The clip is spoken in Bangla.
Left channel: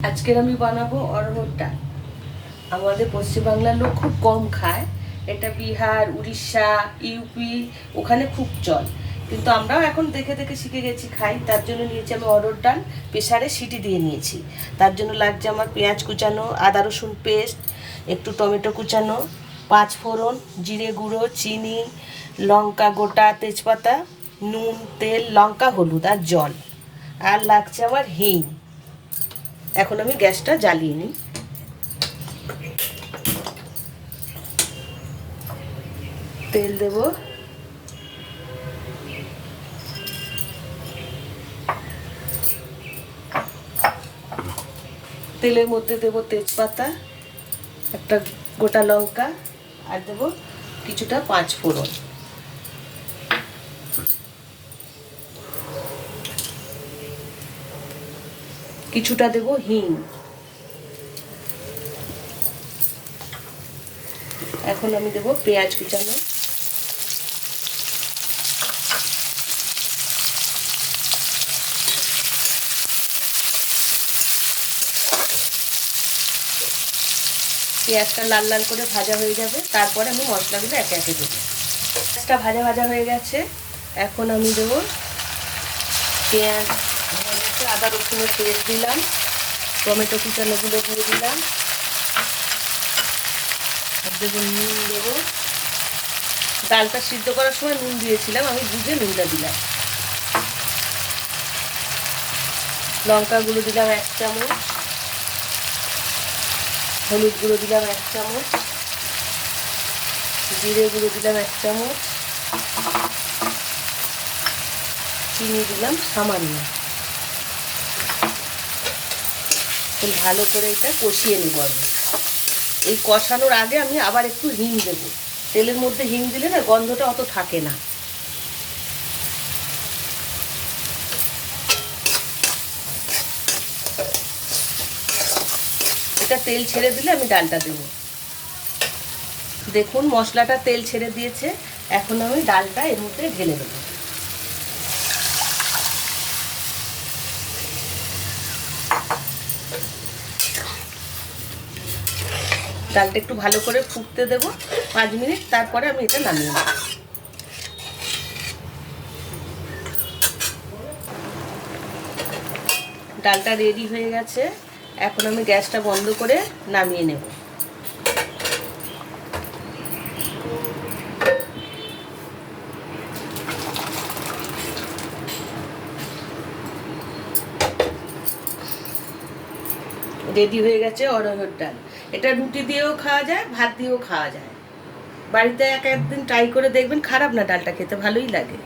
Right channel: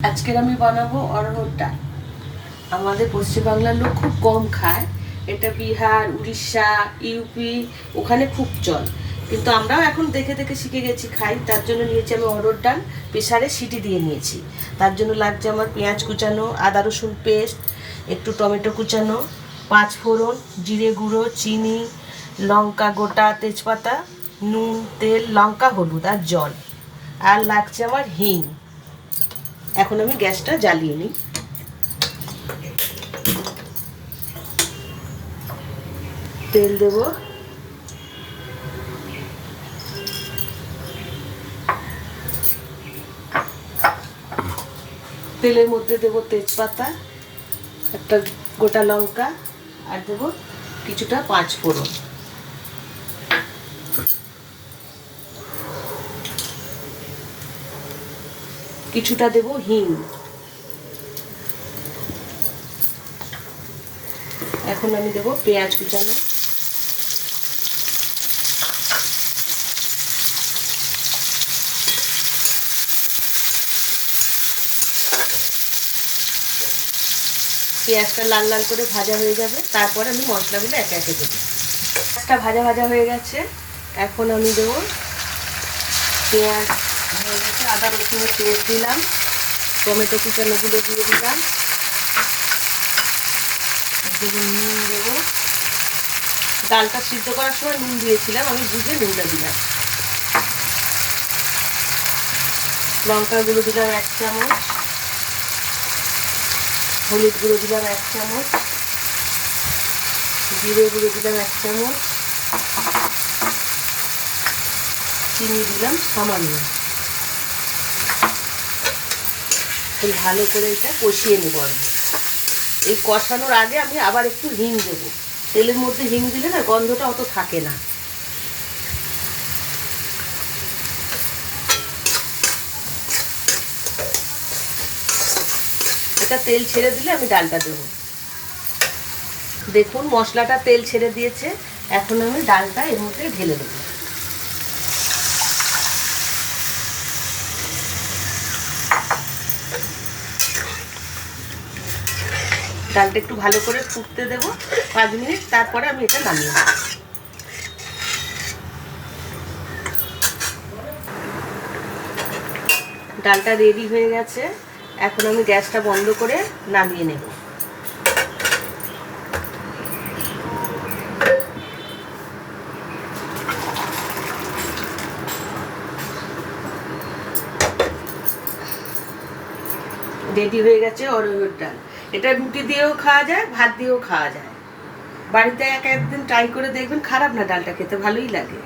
আজকের আমি বানাবো অরহর ডাল আমাদের পশ্চিমবাংলার লোক খুব কম খায়। এটা বিহার, উড়িষ্যা ইউপি ওখানে খুব চল। কিন্তু আমরাও এখন দেখে দেখে শিখে গেছি খাই। তার জন্য নিয়েছি আমি অরহর ডাল, প্রেসারে সিটি দিয়ে নিয়েছি। তার জন্য লাগছে আমার পেঁয়াজ কুচানো, আদা রসুন পেস্ট, একটু টমেটো কুচানো, পাঁচ ফোড়ন, জিরে গুঁড়ো, চিনি, লঙ্কা গোটা, তেজপাতা, নুন, তেল, লঙ্কা, হলুদ আর জল। আর লাগছে আমার হিং। এখন আমি গ্যাসটা জ্বালিয়ে নিই। তেল দেব। তেলের মধ্যে দেব তেজপাতা, একটা গোটা লঙ্কা, আর দেব কিছুটা পাঁচ ফোড়ন কিছুটা দেব হিং। এখন আমি দেব পেঁয়াজ কুচানো। পেঁয়াজটা লাল লাল করে ভাজা হয়ে যাবে। তারপর আমি মশলাগুলো একে একে দেবো। পেঁয়াজটা ভাজা ভাজা হয়ে গেছে। এখন আমি দেবো পেঁয়াজ আদা রসুনের পেস্ট দিলাম, টমেটো কুচানোগুলো দিয়ে দিলাম। নুন দেবো। ডালটা সিদ্ধ করার সময় নুন দিয়েছিলাম, আমি বুঝে নুনটা দিলাম। লঙ্কার গুঁড়ো দিলাম এক চামচ। হলুদ গুঁড়ো দিলাম এক চামচ। জিরে গুঁড়ো দিলাম এক চামচ। চিনি দিলাম সামান্য। খুব ভালো করে এটা কষিয়ে নেব আমি। এই কষানোর আগে আমি আবার একটু হিং দেব। তেলের মধ্যে হিং দিলে না গন্ধটা অত থাকে না। এটা তেল ছেড়ে দিলে আমি ডালটা দেবো। দেখুন মশলাটা তেল ছেড়ে দিয়েছে। এখন আমি ডালটা এর মধ্যে ঢেলে দেবো ডালটা একটু ভালো করে ফুটতে দেব, পাঁচ মিনিট, তারপরে আমি এটা নামিয়ে নেব। ডালটা রেডি হয়ে গেছে। এখন আমি গ্যাসটা বন্ধ করে নামিয়ে নেব। রেডি হয়ে গেছে অরহর ডাল। এটা রুটি দিয়েও খাওয়া যায়, ভাত দিয়েও খাওয়া যায়। বাড়িতে এক একদিন ট্রাই করে দেখবেন, খারাপ না ডালটা খেতে, ভালোই লাগে।